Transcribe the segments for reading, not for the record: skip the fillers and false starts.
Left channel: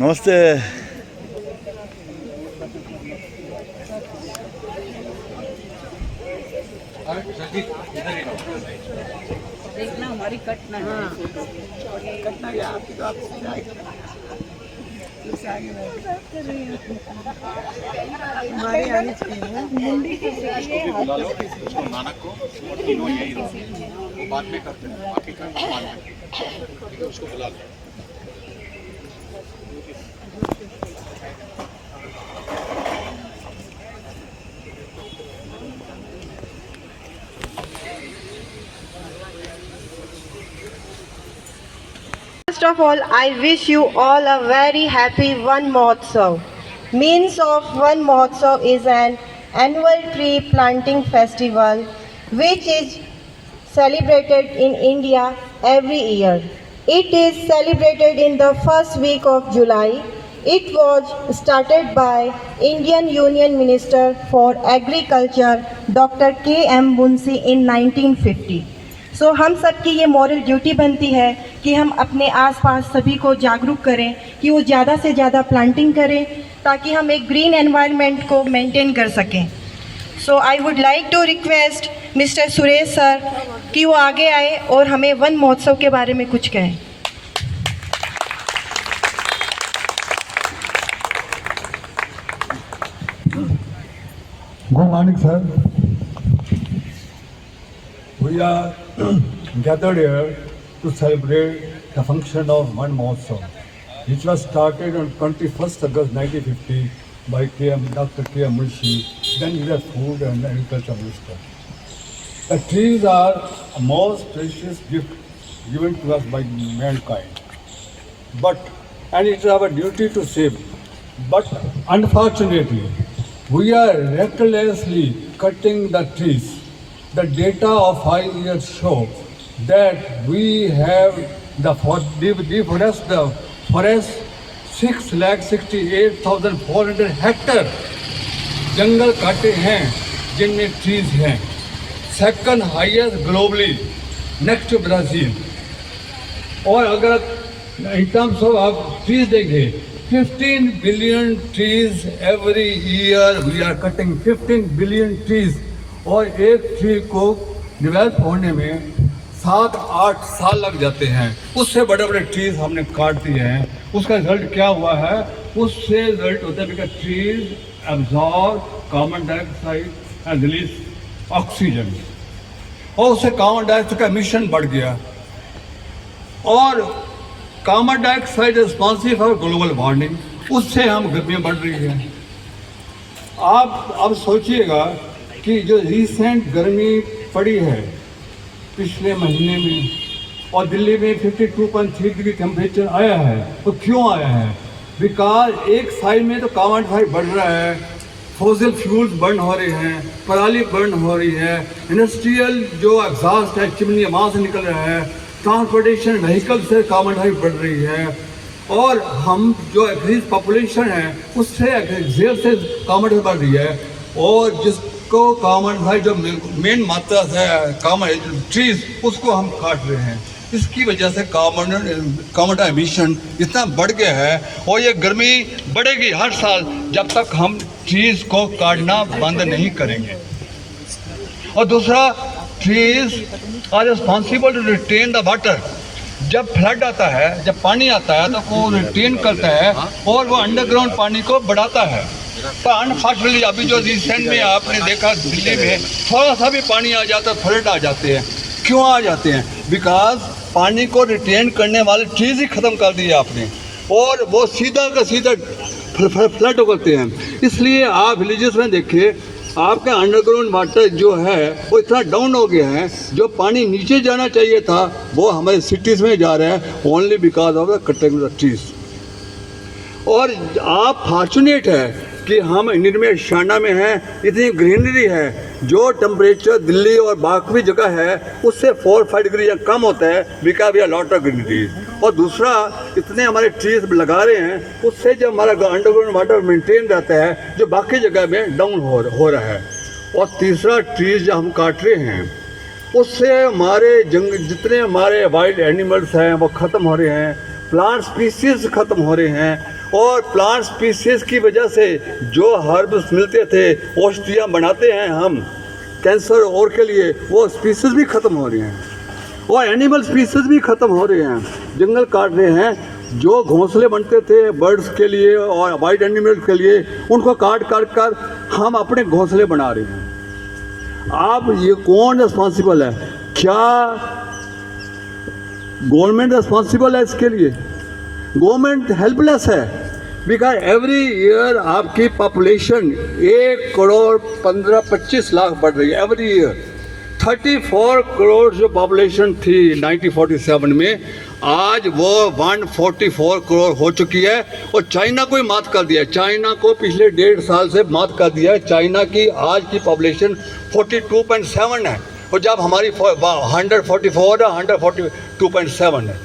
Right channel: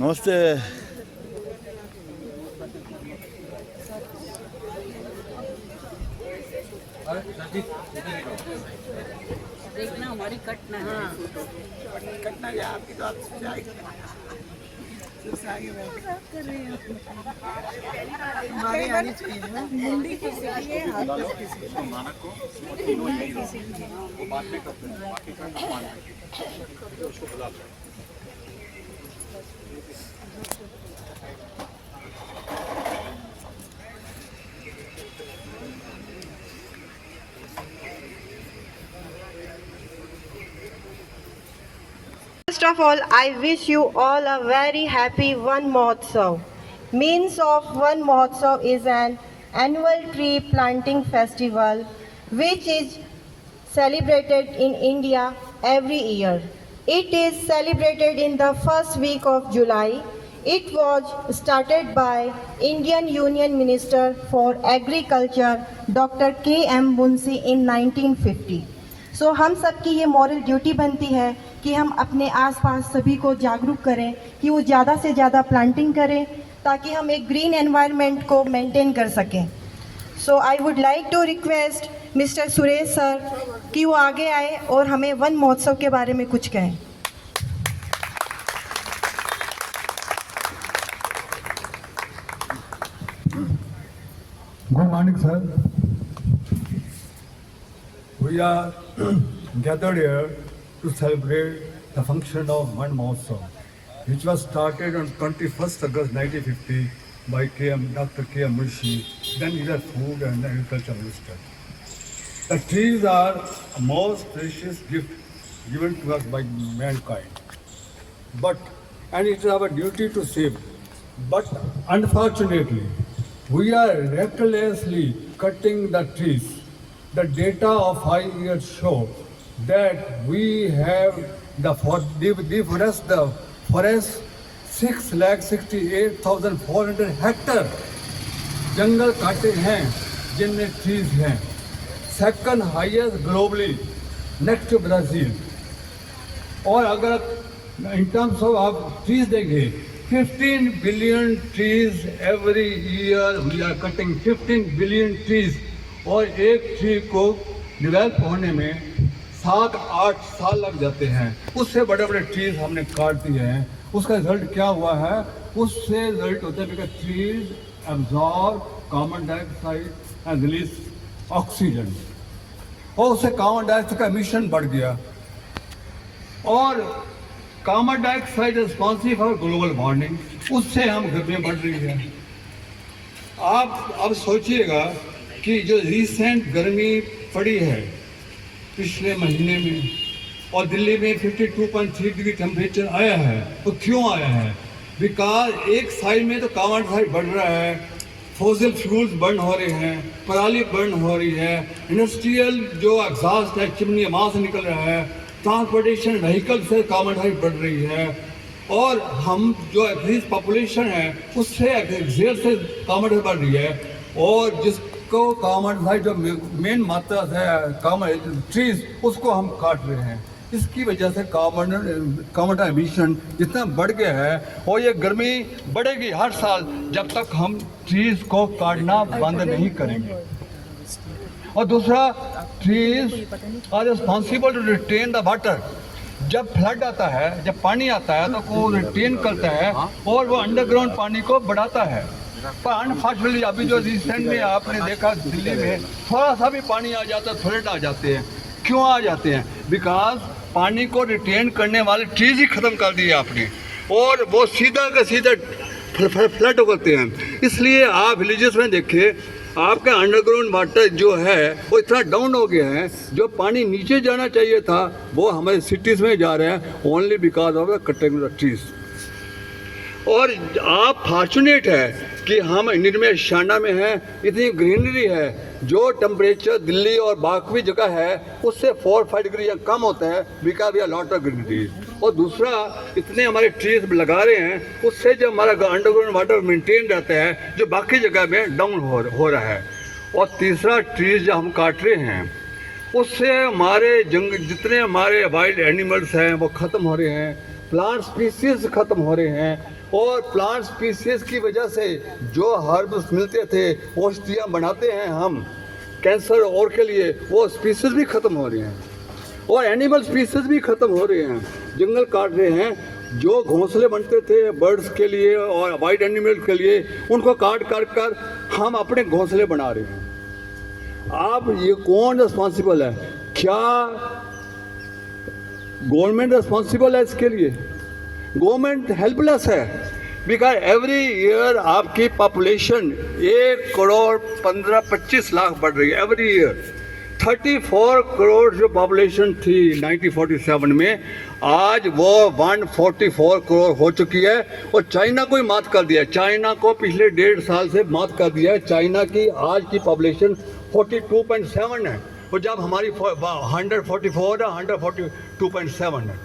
नमस्ते। देखना हमारी कट ना है फोटो, कट ना जाए आपकी, तो आपसे आगे हमारी आनी चाहिए मुंडी की नानक को तीनों यही रहो, बाद में करते हैं बाकी का बाद में उसको बुला लो। First of all, I wish you all a very happy Van Mahotsav. Means of Van Mahotsav is an annual tree planting festival which is celebrated in India every year. It is celebrated in the first week of July. It was started by Indian Union Minister for Agriculture Dr. K.M. Munshi in 1950. सो हम सब की ये moral duty बनती है कि हम अपने आसपास सभी को जागरूक करें कि वो ज़्यादा से ज़्यादा प्लांटिंग करें ताकि हम एक ग्रीन एनवायरनमेंट को मेंटेन कर सकें। So I would like to request mister Suresh sir कि वो आगे आए और हमें वन महोत्सव के बारे में कुछ कहें। Good morning, sir. We are gathered here to celebrate the function of Van Mahotsav, which was started on 21st August 1950 by Dr. K.M. Munshi, then he was Food and Agriculture Minister. The trees are a most precious gift given to us by mankind. And it is our duty to save. But unfortunately, we are recklessly cutting the trees. The data of 5 years show that we have deforested the forest 6,68,400 hectare जंगल काटे हैं जिनमें trees हैं, second highest globally next to Brazil. और अगर in terms of आप trees देंगे 15 billion trees every year we are cutting 15 billion trees, और एक ट्री को डेवलप होने में 7-8 साल लग जाते हैं। उससे बड़े बड़े ट्रीज हमने काट दिए हैं। उसका रिजल्ट क्या हुआ है? उससे रिजल्ट होता है because trees absorb carbon dioxide and release oxygen, और उससे कार्बन डाइऑक्साइड का एमिशन बढ़ गया, और carbon dioxide responsible for global warming, उससे हम गर्मियाँ बढ़ रही हैं। आप अब सोचिएगा कि जो रिसेंट गर्मी पड़ी है पिछले महीने में, और दिल्ली में 52.3 डिग्री टेम्परेचर आया है, तो क्यों आया है? बिकॉज एक साइड में तो कार्बन डाइऑक्साइड बढ़ रहा है, फॉसिल फ्यूल्स बर्न हो रहे हैं, पराली बर्न हो रही है, इंडस्ट्रियल जो एग्जॉस्ट है चिमनी वहाँ से निकल रहा है, ट्रांसपोर्टेशन व्हीकल से कार्बन डाइऑक्साइड बढ़ रही है, और हम जो एग्रीज पॉपुलेशन है उससे एक्सेल से कार्बन डाइऑक्साइड बढ़ रही है, और जिसको कार्बन डाइऑक्साइड जो मेन मात्रा है कार्बन ट्रीज उसको हम काट रहे हैं। इसकी वजह से कार्बन एमिशन इतना बढ़ गया है, और ये गर्मी बढ़ेगी हर साल जब तक हम ट्रीज को काटना बंद नहीं करेंगे। और दूसरा, trees are responsible to retain the water. जब फ्लड आता है, जब पानी आता है तो वो रिटेन करता है और वो अंडरग्राउंड पानी को बढ़ाता है। पर अनफॉर्चुनेटली अभी जो रिसेंट में आपने देखा दिल्ली में थोड़ा सा भी पानी आ जाता है फ्लड आ जाते हैं। क्यों आ जाते हैं? बिकॉज पानी को रिटेन करने वाले ट्रीज ही ख़त्म कर दिए आपने, और वो सीधा का सीधा फ्लड करते हैं। इसलिए आप विलेजेस में देखिए आपका अंडरग्राउंड वाटर जो है वो इतना डाउन हो गया है, जो पानी नीचे जाना चाहिए था वो हमारे सिटीज़ में जा रहा है only because of the cutting the trees. और आप फॉर्चुनेट है कि हम इंडिया में शाना में हैं, इतनी ग्रीनरी है, जो टेम्परेचर दिल्ली और बाकी जगह है उससे 4-5 डिग्री या कम होता है because we are lot of greenery. और दूसरा, इतने हमारे ट्रीज लगा रहे हैं उससे जो हमारा अंडरग्राउंड वाटर मेंटेन रहता है जो बाकी जगह में डाउन हो रहा है। और तीसरा, ट्रीज जो हम काट रहे हैं उससे हमारे जितने हमारे वाइल्ड एनिमल्स हैं वो ख़त्म हो रहे हैं, प्लांट स्पीसीज ख़त्म हो रहे हैं, और प्लांट स्पीसीज की वजह से जो हर्ब्स मिलते थे, औषधियाँ बनाते हैं हम कैंसर और के लिए, वो स्पीसीज भी ख़त्म हो रही हैं और एनिमल स्पीसीज भी ख़त्म हो रहे हैं। जंगल काट रहे हैं। जो घोंसले बनते थे बर्ड्स के लिए और वाइल्ड एनिमल के लिए, उनको काट काट कर हम अपने घोंसले बना रहे हैं। अब ये कौन रिस्पॉन्सिबल है? क्या गवर्नमेंट रिस्पॉन्सिबल है इसके लिए? गवर्नमेंट हेल्पलेस है, बिकॉज एवरी ईयर आपकी पॉपुलेशन 1,15,25 लाख बढ़ रही है एवरी ईयर। 34 करोड़ जो पॉपुलेशन थी 1947 में, आज वो 144 करोड़ हो चुकी है और चाइना को ही मात कर दिया है। चाइना को पिछले 1.5 साल से मात कर दिया है। चाइना की आज की पॉपुलेशन 42.7 है और जब हमारी 144 है, 142.7 है।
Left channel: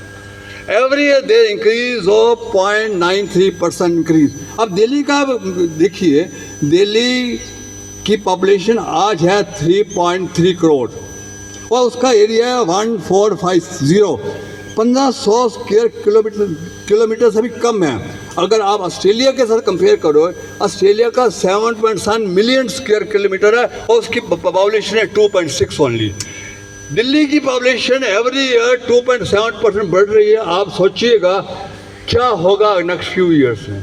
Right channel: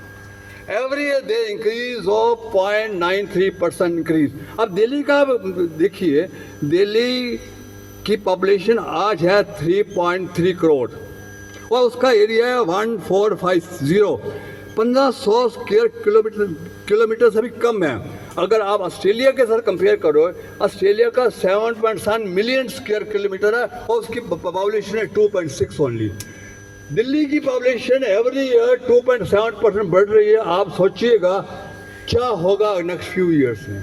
Every year they increase of 0.93% increase. अब दिल्ली का देखिए, दिल्ली की पॉपुलेशन आज है 3.3 करोड़ और उसका एरिया है 1450, 1500 स्क्वायर किलोमीटर से भी कम है। अगर आप ऑस्ट्रेलिया के साथ कंपेयर करो, ऑस्ट्रेलिया का 7.7 मिलियन स्क्वायर किलोमीटर है और उसकी पॉपुलेशन है 2.6 ओनली। दिल्ली की पॉपुलेशन एवरी ईयर 2.7% बढ़ रही है। आप सोचिएगा क्या होगा नेक्स्ट फ्यू ईयर्स में।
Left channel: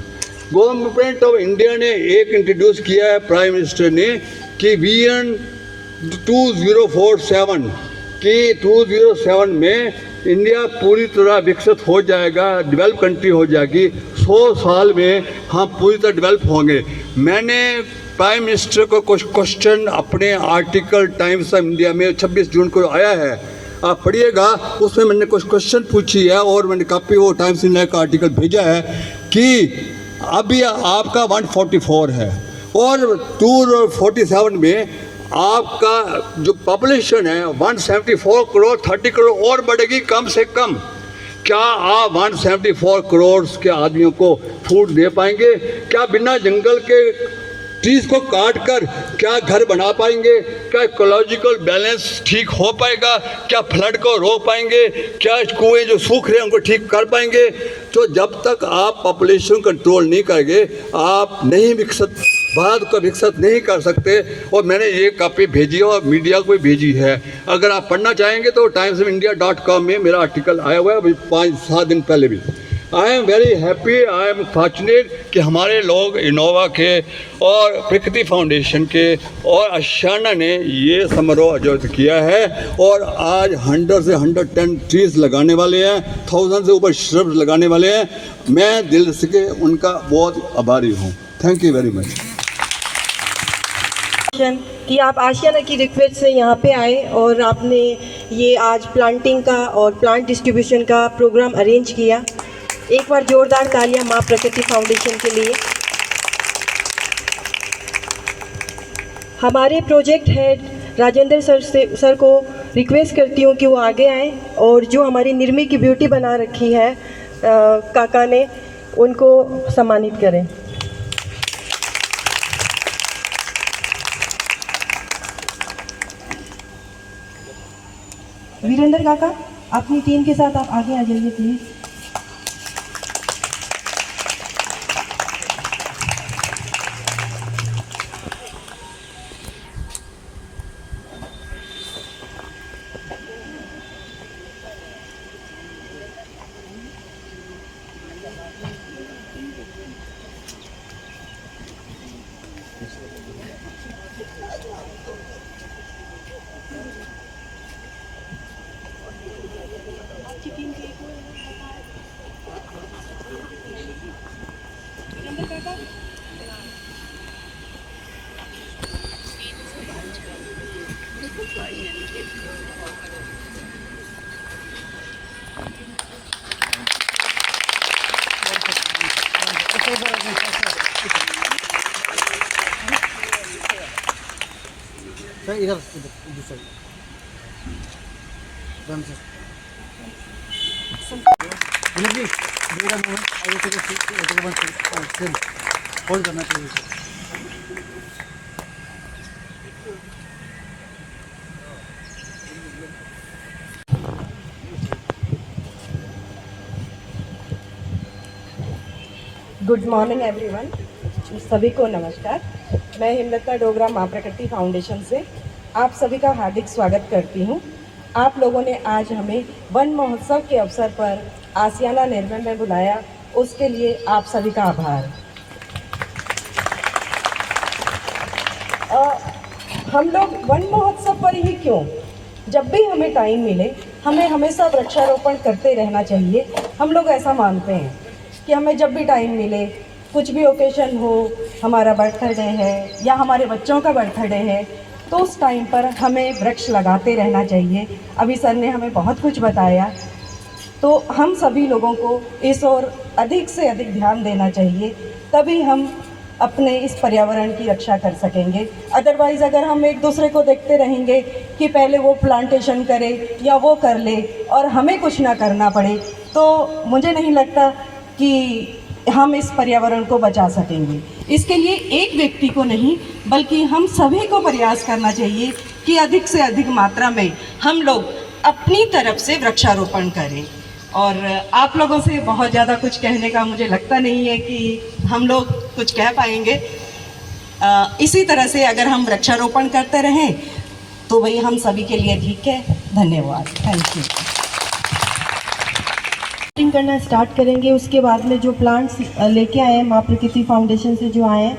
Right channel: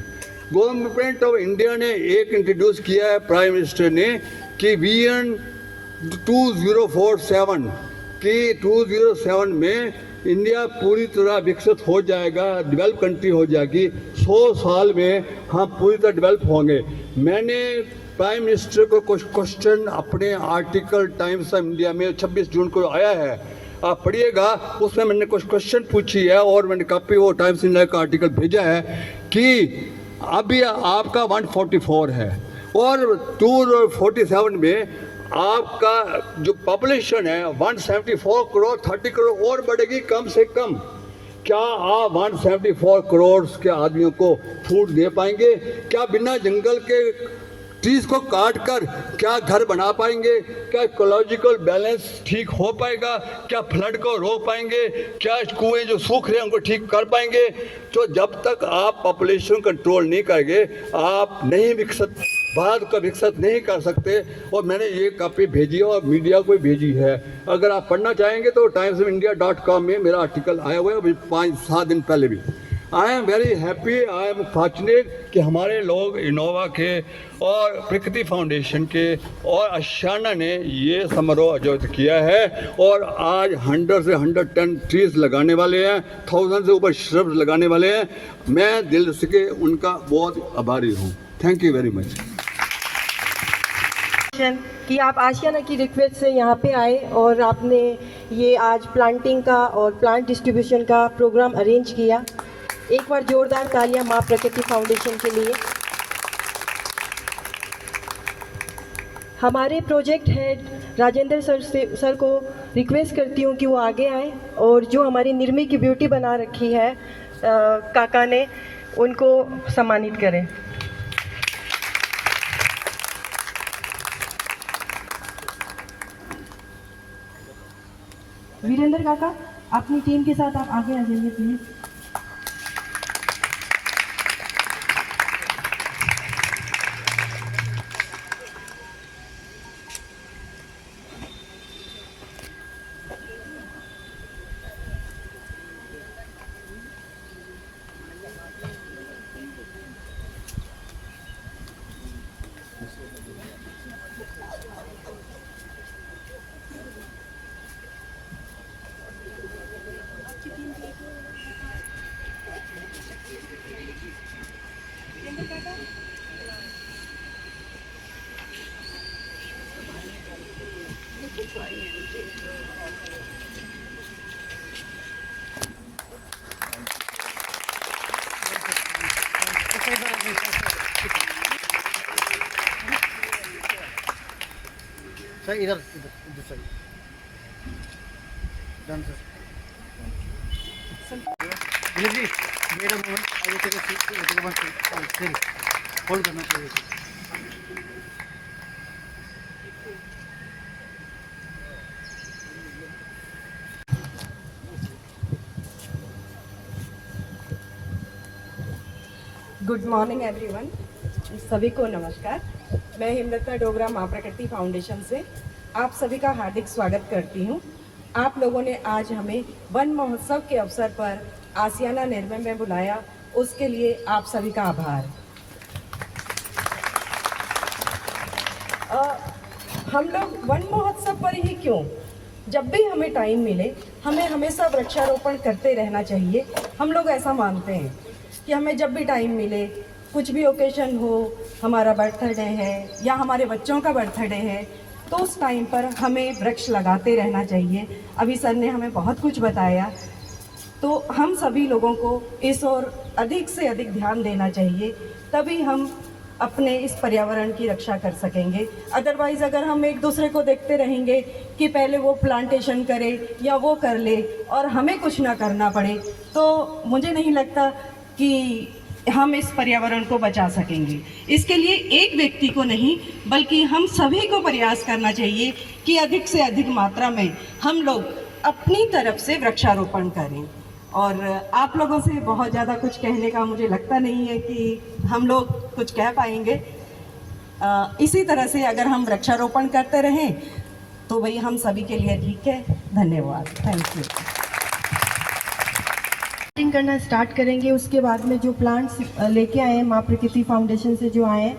गवर्नमेंट ऑफ इंडिया ने एक इंट्रोड्यूस किया है, प्राइम मिनिस्टर ने, कि विजन 2047 कि 2007 में इंडिया पूरी तरह विकसित हो जाएगा, डेवलप कंट्री हो जाएगी। 100 साल में हम पूरी तरह डेवलप होंगे। मैंने प्राइम मिनिस्टर को कुछ क्वेश्चन अपने आर्टिकल टाइम्स ऑफ इंडिया में 26 जून को आया है, आप पढ़िएगा। उसमें मैंने कुछ क्वेश्चन पूछी है और मैंने कॉपी वो टाइम्स इंडिया का आर्टिकल भेजा है कि अभी आपका 144 है और 247 में आपका जो पॉपुलेशन है 174 करोड़, 30 करोड़ और बढ़ेगी कम से कम। क्या आप 174 करोड़ के आदमियों को फूड दे पाएंगे? क्या बिना जंगल के ट्रीज को काट कर क्या घर बना पाएंगे? क्या इकोलॉजिकल बैलेंस ठीक हो पाएगा? क्या फ्लड को रोक पाएंगे? क्या कुएं जो सूख रहे हैं उनको ठीक कर पाएंगे? तो जब तक आप पॉपुलेशन कंट्रोल नहीं करेंगे, आप नहीं विकसित, भारत को विकसित नहीं कर सकते। और मैंने ये कॉपी भेजी है और मीडिया को भी भेजी है। अगर आप पढ़ना चाहेंगे तो timesofindia.com में मेरा आर्टिकल आया हुआ है अभी 5-7 दिन पहले भी। I am very happy, I am fortunate कि हमारे लोग इनोवा के और प्रकृति फाउंडेशन के और आशियाना ने ये समारोह आयोजित किया है और आज 100 से 110 ट्रीज लगाने वाले हैं, 1000 से ऊपर श्रब्स लगाने वाले हैं। मैं दिल से उनका बहुत आभारी हूँ। थैंक यू वेरी मच कि आप आशियाना की रिक्वेस्ट से यहाँ पे आए और आपने ये आज प्लांटिंग का और प्लांट डिस्ट्रीब्यूशन का प्रोग्राम अरेंज किया। एक बार जोरदार तालियां माँ प्रकृति फाउंडेशन के लिए। हमारे प्रोजेक्ट हेड राजेंद्र सर को रिक्वेस्ट करती हूँ कि वो आगे आएँ और जो हमारी निर्मी की ब्यूटी बना रखी है काका ने, उनको सम्मानित करें। वीरेंद्र काका, अपनी टीम के साथ आप आगे आ जाइए प्लीज़। सर इधर साइड डन सर जी मेरा मोमेंट और को बंद सेल होल्ड करना चाहिए सर। गुड मॉर्निंग एवरीवन, सभी को नमस्कार। मैं हिमलता डोगरा माँ प्रकृति फाउंडेशन से आप सभी का हार्दिक स्वागत करती हूँ। आप लोगों ने आज हमें वन महोत्सव के अवसर पर आसियाना निर्मल में बुलाया, उसके लिए आप सभी का आभार। हम लोग वन महोत्सव पर ही क्यों, जब भी हमें टाइम मिले हमें हमेशा वृक्षारोपण करते रहना चाहिए। हम लोग ऐसा मानते हैं कि हमें जब भी टाइम मिले, कुछ भी ओकेशन हो, हमारा बर्थडे है या हमारे बच्चों का बर्थडे है, तो उस टाइम पर हमें वृक्ष लगाते रहना चाहिए। अभी सर ने हमें बहुत कुछ बताया, तो हम सभी लोगों को इस ओर अधिक से अधिक ध्यान देना चाहिए, तभी हम अपने इस पर्यावरण की रक्षा कर सकेंगे। अदरवाइज़ अगर हम एक दूसरे को देखते रहेंगे कि पहले वो प्लांटेशन करे या वो कर ले और हमें कुछ ना करना पड़े, तो मुझे नहीं लगता कि हम इस पर्यावरण को बचा सकेंगे। इसके लिए एक व्यक्ति को नहीं बल्कि हम सभी को प्रयास करना चाहिए कि अधिक से अधिक मात्रा में हम लोग अपनी तरफ से वृक्षारोपण करें। और आप लोगों से बहुत ज़्यादा कुछ कहने का मुझे लगता नहीं है कि हम लोग कुछ कह पाएंगे। इसी तरह से अगर हम वृक्षारोपण करते रहें तो वही हम सभी के लिए ठीक है। धन्यवाद, थैंक यू। करना स्टार्ट करेंगे, उसके बाद में जो प्लांट्स लेके आए हैं माँ प्रकृति फाउंडेशन से जो आए हैं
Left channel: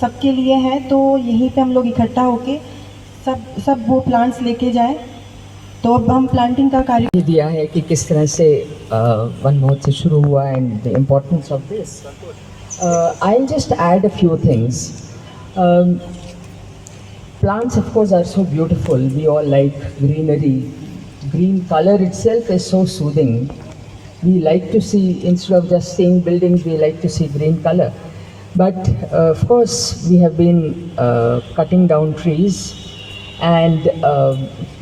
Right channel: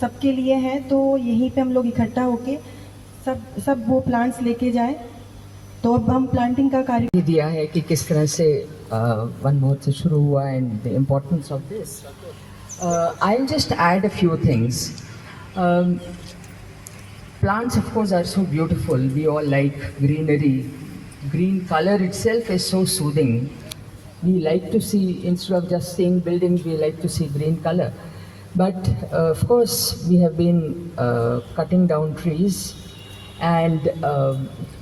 सबके लिए हैं, तो यहीं पे हम लोग इकट्ठा होके सब वो प्लांट्स लेके जाएं। तो अब हम प्लांटिंग का कार्य दिया है कि किस तरह से वन महोत्सव शुरू हुआ and the importance of this. I will just add a few things. Plants of course are so beautiful. We all like greenery. Green color itself is so soothing. We like to see, instead of just seeing buildings, we like to see green color. But of course we have been cutting down trees, and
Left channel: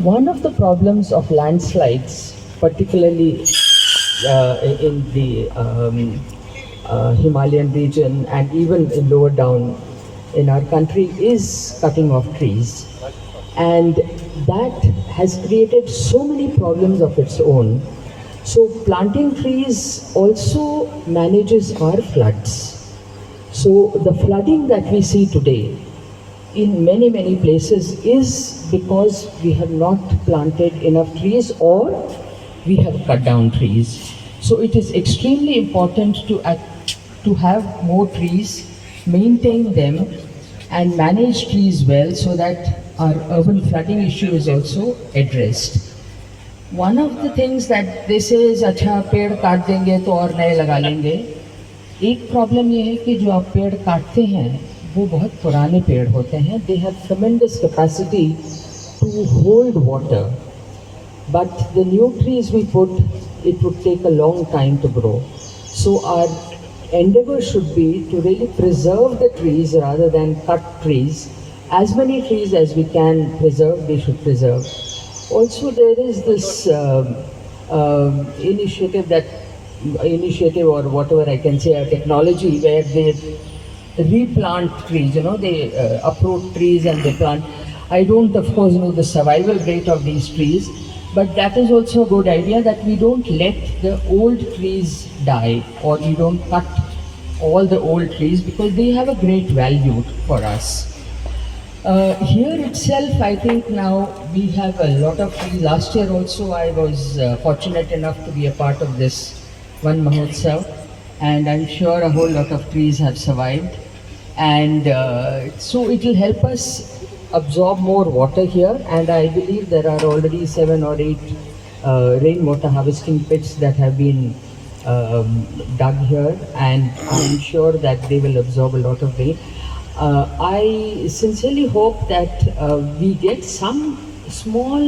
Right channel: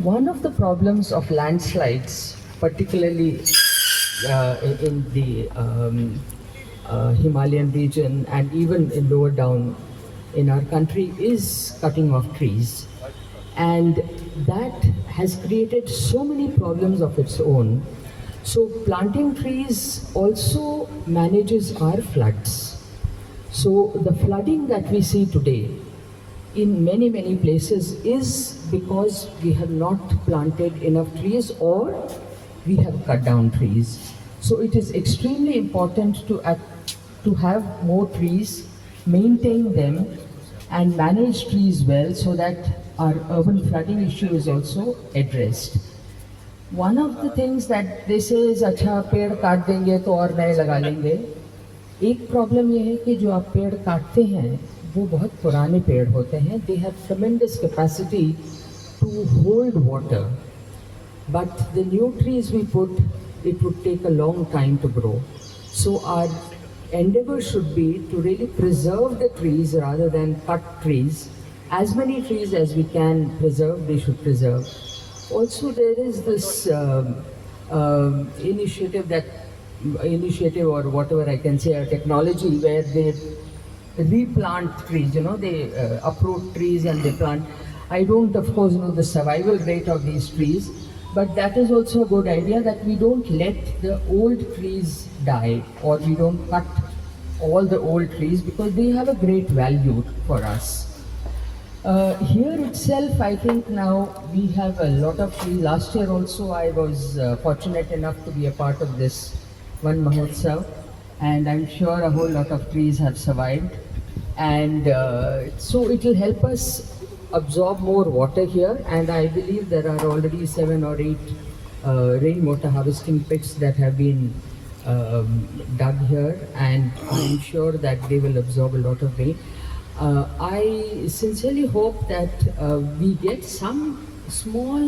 one of the problems of landslides, particularly in the Himalayan region and even in lower down in our country, is cutting off trees, and that has created so many problems of its own. So planting trees also manages our floods. So the flooding that we see today in many places is because we have not planted enough trees or we have cut down trees. So it is extremely important to have more trees, maintain them and manage trees well, so that our urban flooding issue is also addressed. One of the things that they say is, अच्छा पेड़ काट देंगे तो और नए लगा लेंगे। एक प्रॉब्लम ये है कि जो आप पेड़ काटते हैं वो बहुत पुराने पेड़ होते हैं। They have tremendous capacity to hold water, but the new trees we put, it would take a long time to grow. So our endeavor should be to really preserve the trees rather than cut trees. As many trees as we can preserve, we should preserve. Also, there is this initiative or whatever I can say, a technology where they replant trees. You know, they uproot trees and they plant. I don't, of course, know the survival rate of these trees, but that is also a good idea, that we don't let the old trees die, or we don't cut all the old trees, because they have a great value for us. Here itself, I think now we have a lot of trees. Last year also I was fortunate enough to be a part of this Van Mahotsav, and I'm sure a whole lot of trees have survived, and so it will help us absorb more water here. And I believe there are already 7 or 8 rainwater harvesting pits that have been dug here, and I'm sure that they will absorb a lot of rain. I sincerely hope that we get some small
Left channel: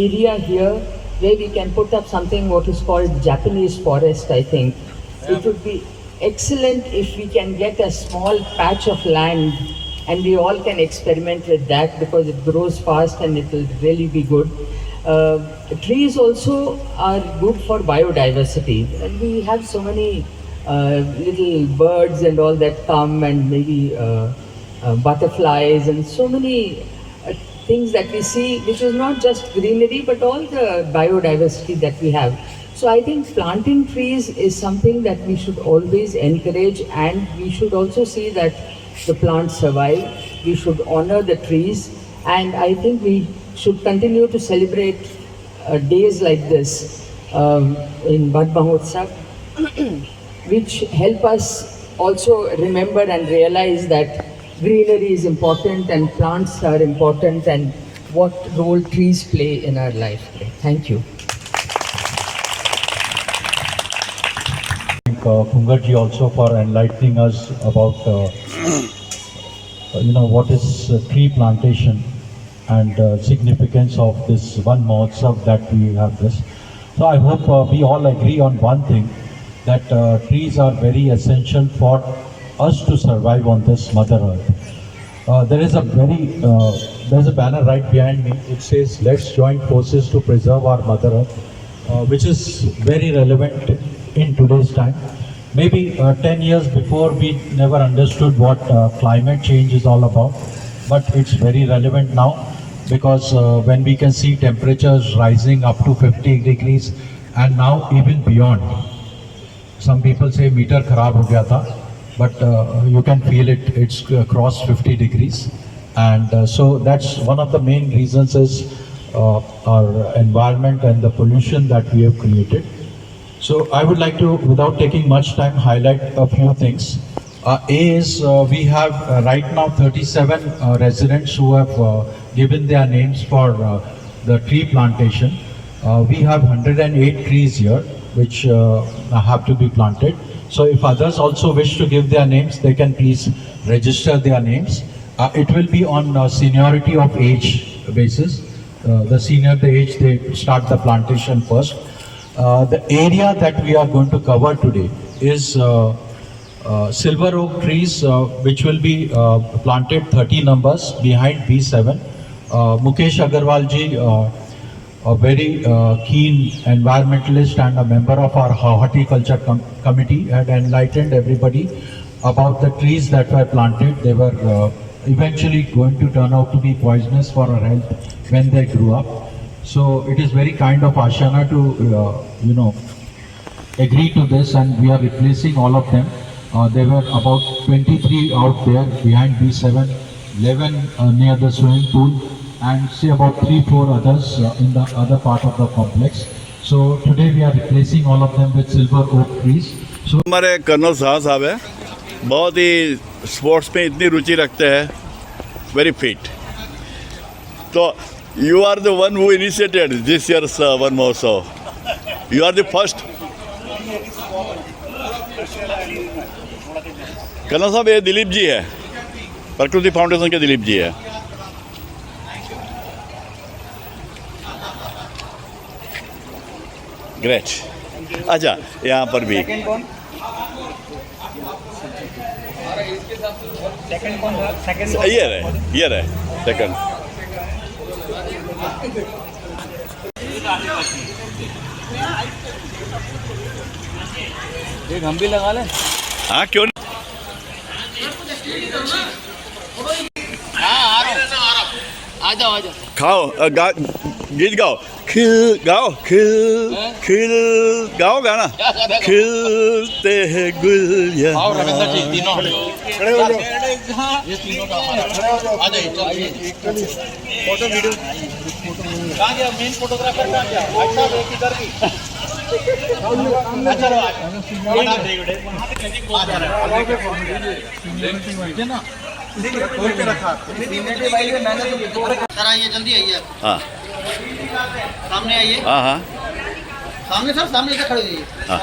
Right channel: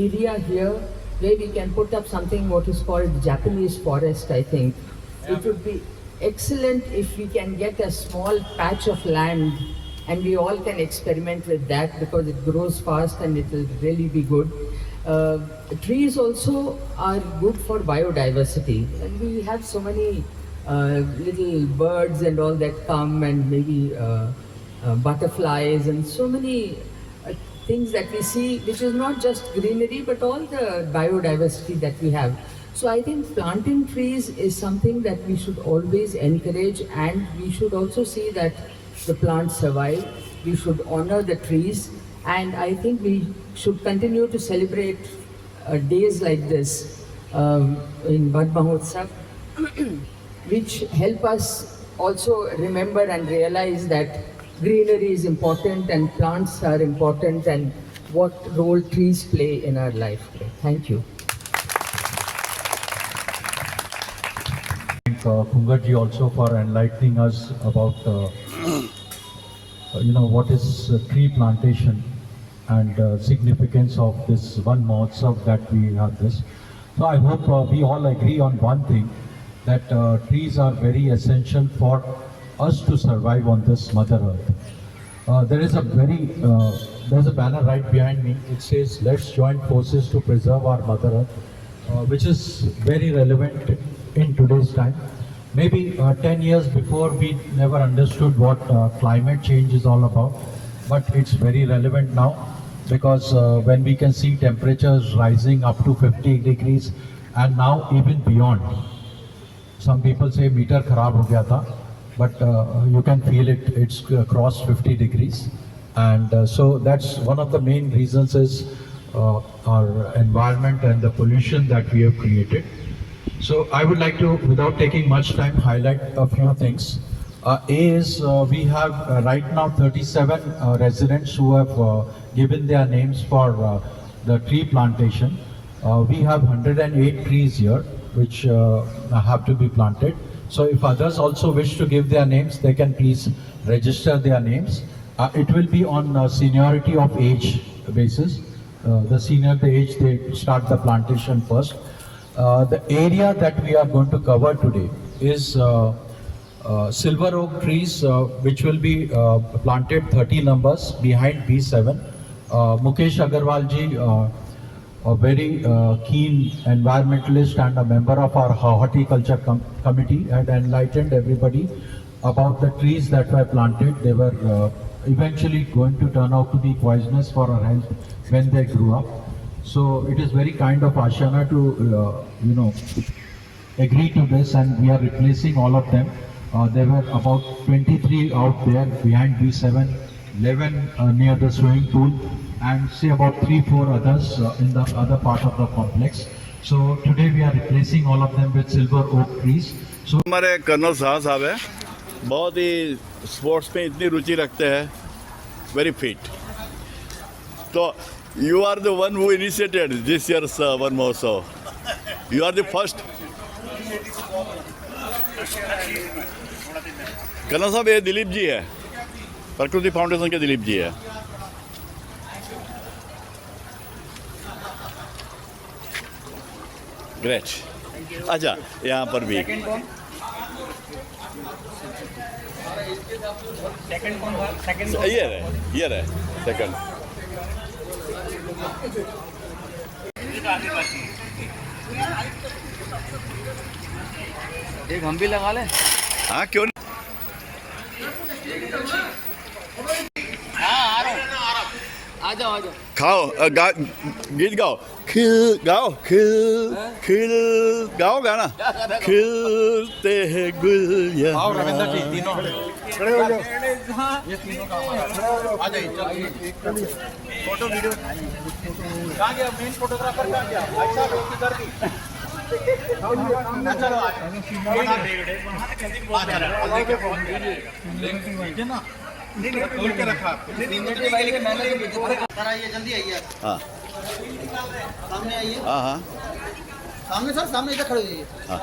area here where we can put up something what is called Japanese forest. I think it would be excellent if we can get a small patch of land and we all can experiment with that, because it grows fast and it will really be good. Trees also are good for biodiversity, and we have so many little birds and all that come, and maybe butterflies and so many things that we see, which is not just greenery but all the biodiversity that we have. So I think planting trees is something that we should always encourage, and we should also see that the plants survive. We should honor the trees, and I think we should continue to celebrate days like this in Van Mahotsav, which help us also remember and realize that greenery is important and plants are important and what role trees play in our life. Thank you. Pungarji also for enlightening us about what is tree plantation and significance of this Van Mahotsav that we have this. So I hope we all agree on one thing, that trees are very essential for us to survive on this Mother Earth. There is a banner right behind me. It says, "Let's join forces to preserve our Mother Earth," which is very relevant in today's time. Maybe 10 years before we never understood what climate change is all about, but it's very relevant now because when we can see temperatures rising up to 50 degrees and now even beyond. Some people say meter kharab ho gaya tha, but you can feel it, it's crossed 50 degrees. And so that's one of the main reasons is our environment and the pollution that we have created. So I would like to, without taking much time, highlight a few things. A is we have right now 37 residents who have given their names for the tree plantation. We have 108 trees here which have to be planted. So if others also wish to give their names, they can please register their names. It will be on seniority of age basis. The senior the age, they start the plantation first. The area that we are going to cover today is silver oak trees, which will be planted 30 numbers behind B7. Mukesh Agarwal ji, a very keen environmentalist and a member of our horticulture committee, had enlightened everybody about the trees that were planted. They were eventually going to turn out to be poisonous for our health when they grew up. So it is very kind of Ashana to agree to this, and we are replacing all of them. There were about 23 out there behind B7, 11 near the swimming pool, and say about 3-4 others in the other part of the complex. So today we are replacing all of them with silver oak trees. So हमारे colonel साहब है, बहुत ही sports में इतनी रुचि रखते हैं, very fit. तो you are the one who initiated this year's Van Mahotsav. You are the first. Colonel साहब, ये दिलीप जी है, प्रकृति फाउंडेशन के दिलीप जी है. ग्रेट. अच्छा, यहाँ पर भी ये रहे सेकंड. एक हम भी लगा लें. हाँ, क्यों नहीं. खाओ, गीत गाओ, खिल गाओ, खिल खिल गाओ गाना. खिलते हैं गुल यहाँ. Photo video main photographer sir आइए, जल्दी आइए. हाँ, सामने आइए. हाँ हाँ, सामने सर, सामने इधर खड़े होइए. हाँ.